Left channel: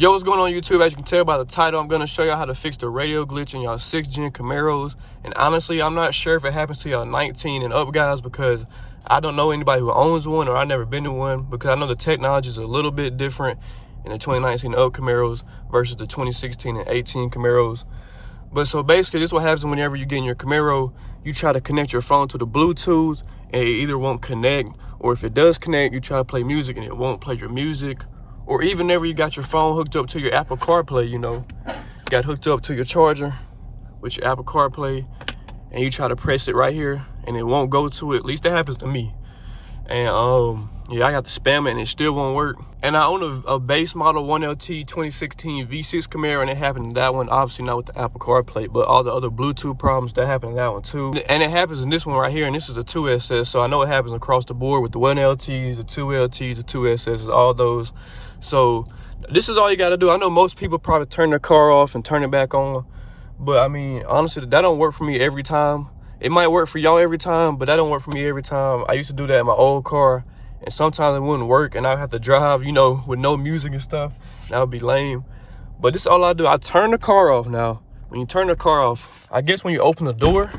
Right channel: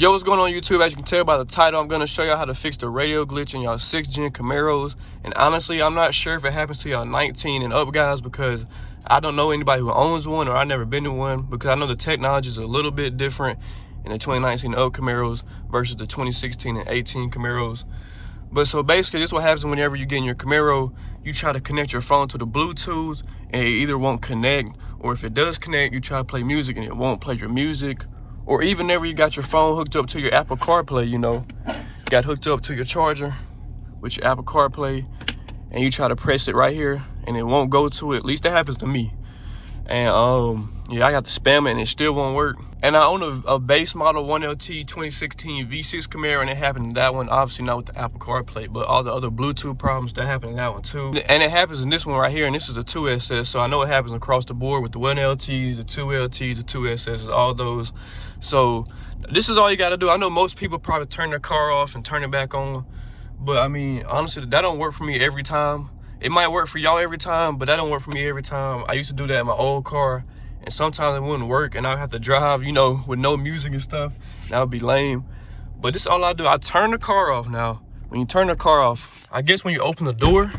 Yo, what's going on YouTube? As you can tell by the title, I'm going to show y'all how to fix the radio glitch in y'all 6th gen Camaros. And honestly, I'm not sure if it happens to y'all 19 and up guys, because I don't know anybody who owns one, or I've never been to one, because I know the technology is a little bit different in the 2019 and up Camaros versus the 2016 and 18 Camaros. But so basically, this is what happens whenever you get in your Camaro. You try to connect your phone to the Bluetooth and it either won't connect, or if it does connect, you try to play music and it won't play your music. Or even whenever you got your phone hooked up to your Apple CarPlay, you know, got hooked up to your charger with your Apple CarPlay, and you try to press it right here and it won't go to it. At least that happens to me. And yeah, I got to spam it and it still won't work. And I own a base model 1LT 2016 V6 Camaro, and it happened in that one. Obviously not with the Apple CarPlay, but all the other Bluetooth problems that happened in that one too. And it happens in this one right here, and this is the 2SS, so I know it happens across the board with the 1LTs, the 2LTs, the 2SSs, all those. So this is all you got to do. I know most people probably turn their car off and turn it back on, but I mean, honestly, that don't work for me every time. It might work for y'all every time, but that don't work for me every time. I used to do that in my old car, and sometimes it wouldn't work, and I'd have to drive, you know, with no music and stuff. That would be lame. But this is all I do. I turn the car off now. When you turn the car off, I guess when you open the door,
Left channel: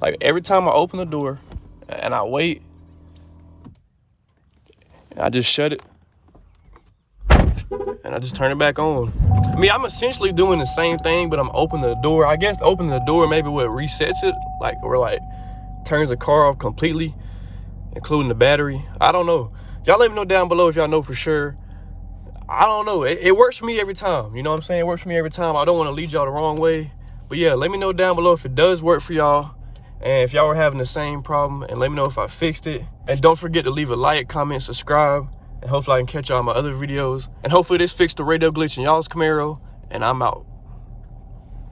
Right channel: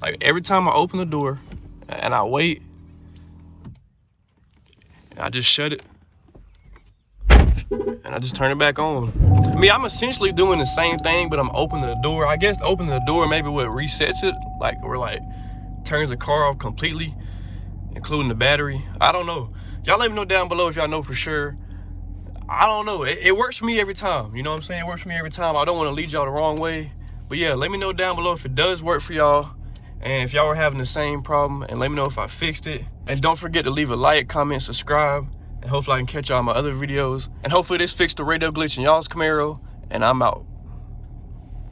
like every time I open the door and I wait, and I just shut it, and I just turn it back on. I mean, I'm essentially doing the same thing, but I'm opening the door. I guess opening the door maybe what resets it, like, or like turns the car off completely, including the battery. I don't know. Y'all let me know down below if y'all know for sure. I don't know. It works for me every time. You know what I'm saying? It works for me every time. I don't want to lead y'all the wrong way. But yeah, let me know down below if it does work for y'all, and if y'all were having the same problem, and let me know if I fixed it. And don't forget to leave a like, comment, subscribe, and hopefully I can catch y'all in my other videos. And hopefully this fixed the radio glitch in y'all's Camaro, and I'm out.